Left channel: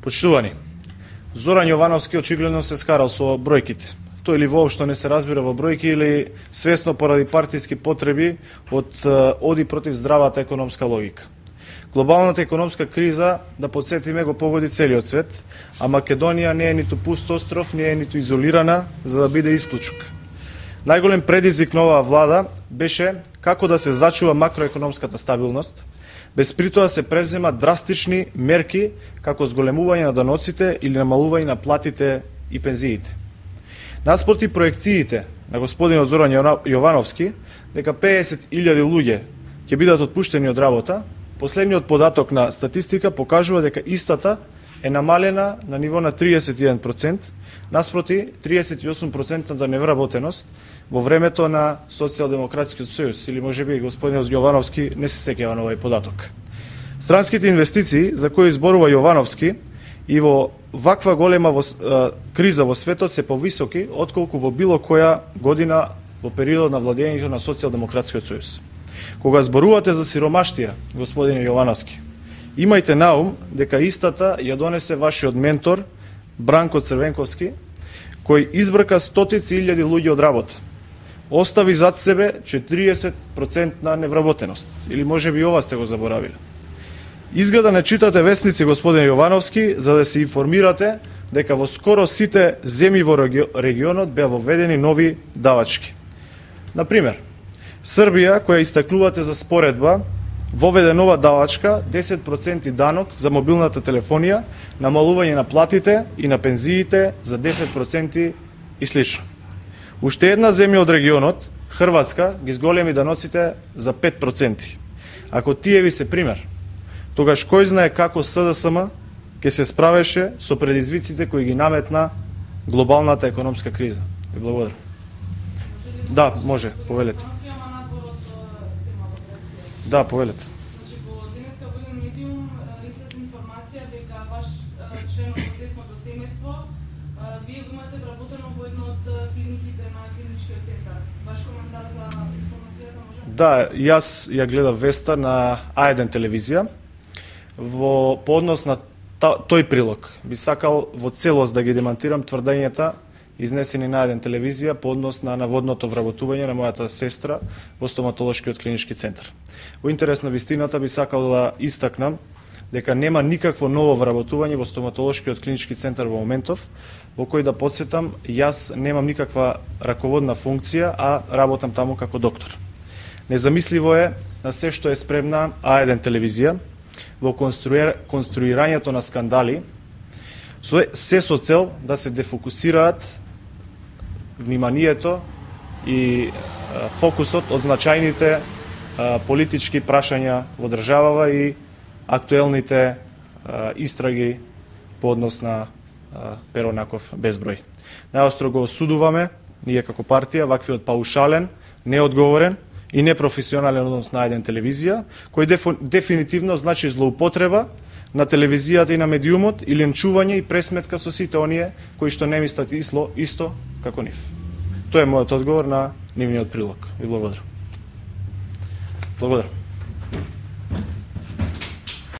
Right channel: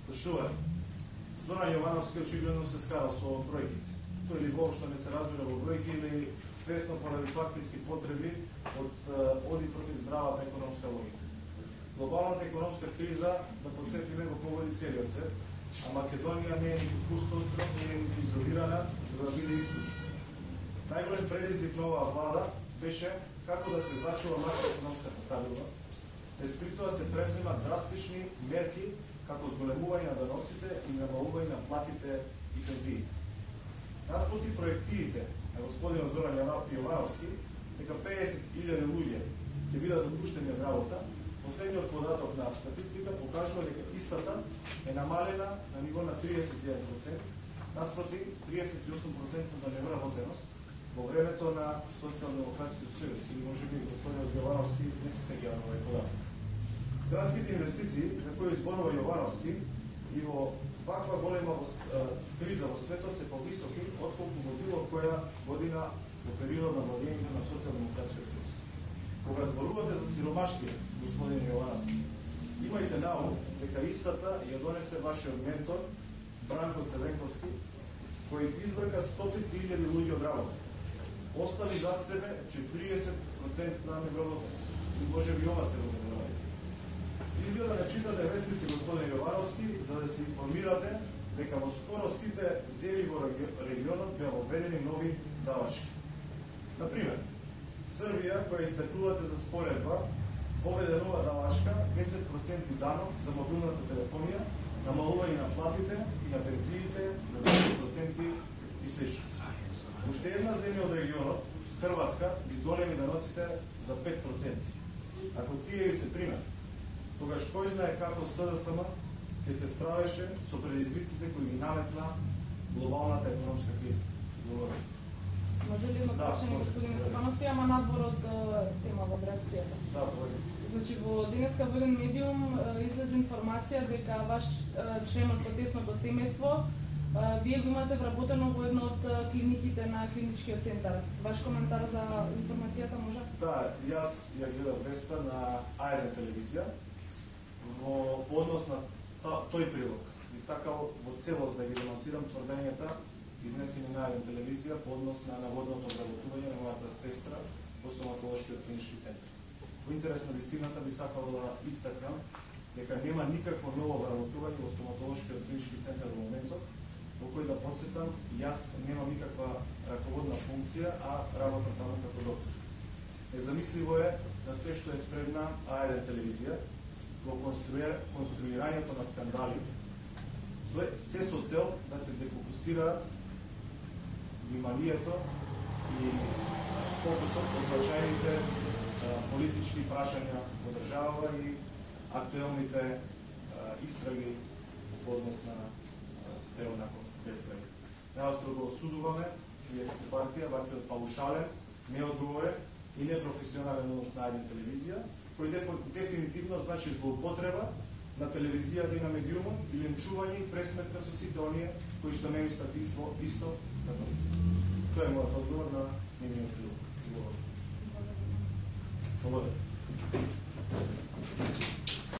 Почитувани, Зоран Јовановски очигледно се скарал со бројките. Тој или воопшто не се разбира во бројки или свесно поради партиски потреби оди против здравата економска логика. Глобалната економска криза, да подсетиме, го погоди целиот свет, а Македонија не е ниту пуст остров, не е ниту изолирана за да биде исклучок. Најголем предизвик на оваа влада беше како да се зачува макроекономската стабилност, без при тоа се превзема драстични мерки како зголемување на даноците или намалување на платите и пензиите. Наспроти проекциите на господинот Зоран Јовановски дека 50.000 луѓе ќе бидат отпуштени од работа, последниот податок на статистика покажува дека истата е намалена на ниво на 31%, наспроти 38% невработеност во времето на Социјалдемократскиот сојуз, или можеби господинот Јовановски не се сеќава на овој податок. Странските инвестиции за кои зборува Јовановски и во ваква голема криза во светот се повисоки отколку во било која година во периодот на владењето на Социјалдемократскиот сојуз. Кога зборувате за сиромаштија, господине Јовановски, имајте на ум дека истата ја донесе вашиот ментор Бранко Црвенковски, кој избрка стотици илјади луѓе од работа. Остави зад себе 40% на невработеност. Или може би ова сте го заборавили. Изгледа не читате вестници, господин Јовановски, за да се информирате дека во скоро сите земји во регионот беа воведени нови давачки. Например, Србија, која истакнувате за споредба, воведе нова давачка 10% данок за мобилната телефонија, намалување на платите и на пензиите за 10% и слично. Уште една земја од регионот, Хрватска, ги зголеми даноците за 5%. Ако тие ви се пример, тогаш кој знае како СДСМ ќе се справеше со предизвиците кои ги наметна глобалната економска криза. Ви благодарам. Да, може, повелете. Да, повелете. Значи, во денеска во еден медиум излезе информација дека ваш член од протестното семејство, вие го имате вработено во една од клиниките на клиничкиот центар. Ваш коментар за информацијата може? Да, јас ја гледав веста на А1 телевизија. По однос на тој прилог, би сакал во целост да ги демантирам тврдењата изнесени на А1 телевизија по однос на наводното вработување на мојата сестра во стоматолошкиот клинички центар. Во интерес на вистината би сакал да истакнам дека нема никакво ново вработување во стоматолошкиот клинички центар во моментов, во кој да подсетам, јас немам никаква раководна функција, а работам таму како доктор. Незамисливо е на се што е спремна А1 телевизија во конструирањето на скандали, се со цел да се дефокусираат вниманието и фокусот од значајните политички прашања во државава и актуелните истраги по однос на Перо Наков безброј. Најостро го осудуваме, ние како партија, ваквиот паушален, неодговорен и непрофесионален однос на еден телевизија, кој дефинитивно значи злоупотреба на телевизијата и на медиумот и ленчување и пресметка со сите оние кои што не мислат исто како нив. Тоа е мојот одговор на нивниот прилог. Ви благодарам. Благодарам.